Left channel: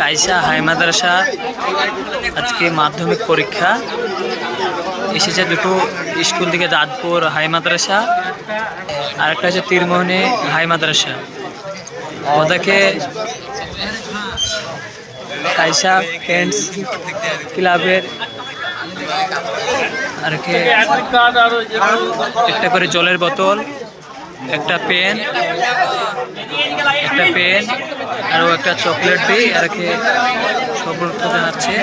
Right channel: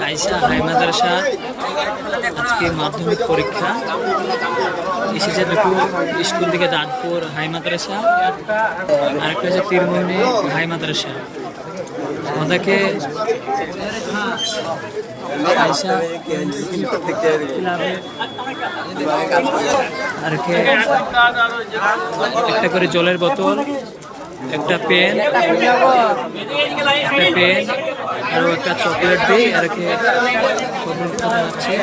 কাইসা high মাদ্রাসা আজকে মাধ্যমিক পরীক্ষা এসেছে দুটো স্কুল থেকে, দাঁতপুর হাই মাদ্রাসা আর একটা হচ্ছে তীরমোহনী হাই মাদ্রাসা। ওদেরকে কাইসা ফ্রেন্ডস ক্লাবের আর একটা করে জলের বোতল, একটা পেন আরও একটা চকলেট দিই আর সফলতা জানাচ্ছে।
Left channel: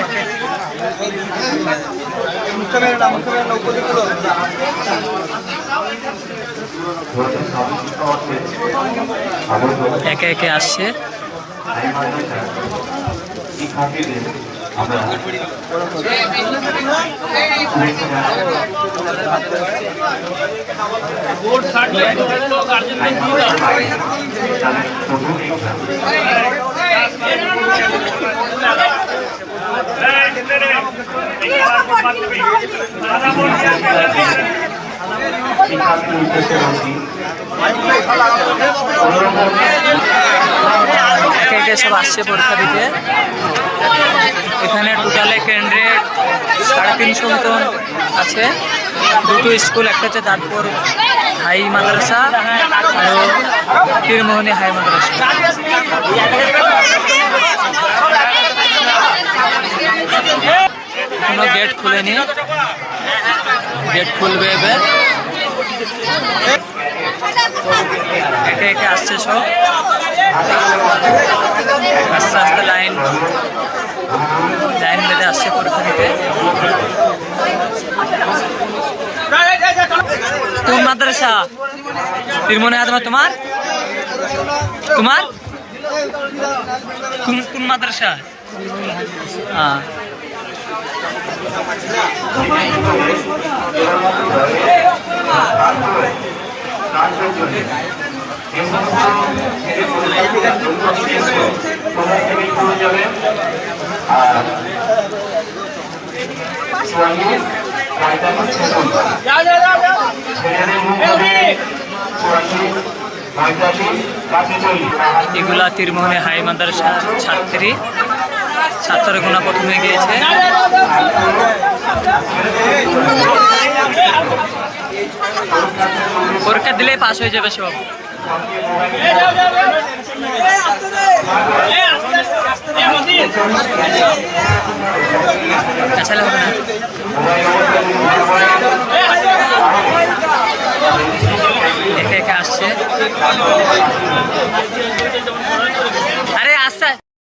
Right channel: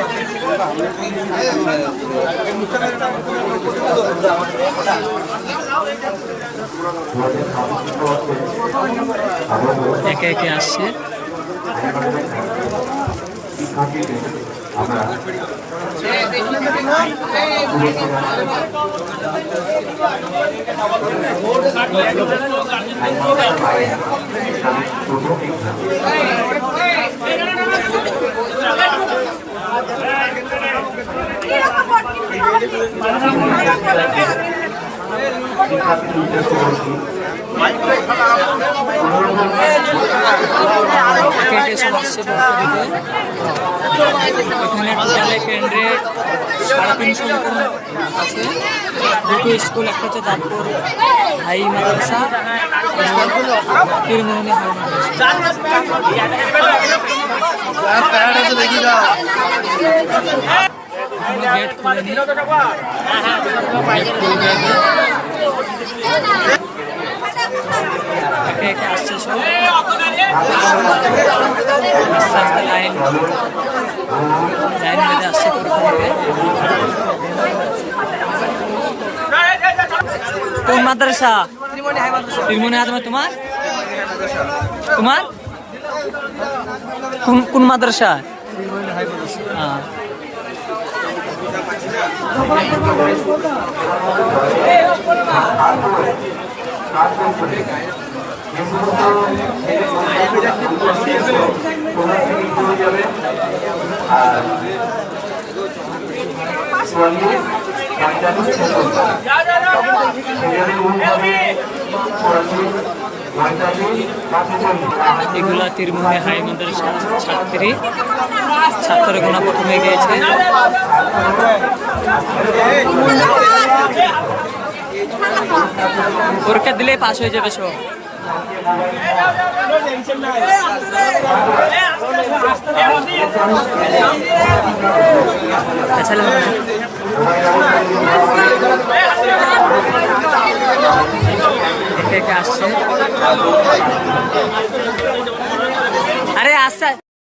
একে একে আসছে। একে একে সব আসছে পরীক্ষা দিতে। এখানে টোটালে ক্যান্ডিডেট 350 মতন আছে। দুটো স্কুল, একটা হচ্ছে দাঁতপুর হাই মাদ্রাসা আর তীরমোহনী হাই মাদ্রাসা। এখনো গেট খুলেনি, গেট খুলবে এবার। একে একে আসছে সব, আস্তে আস্তে লাইন বেঁধে আসছে পরীক্ষা নিতে। কোন মাদ্রাসা? তীরমোহনী হাই মাদ্রাসা। তোমার কোন মাদ্রাসা? হ্যাঁ, এগুলা তীরমোহনী হাই মাদ্রাসার ছাত্রের গোনা প্রথমে গিয়েছে। পরীক্ষা দিলেই পাস হয়ে যাবে সব। আচ্ছা হবে না, একে একে আসছে। আরে আসছে।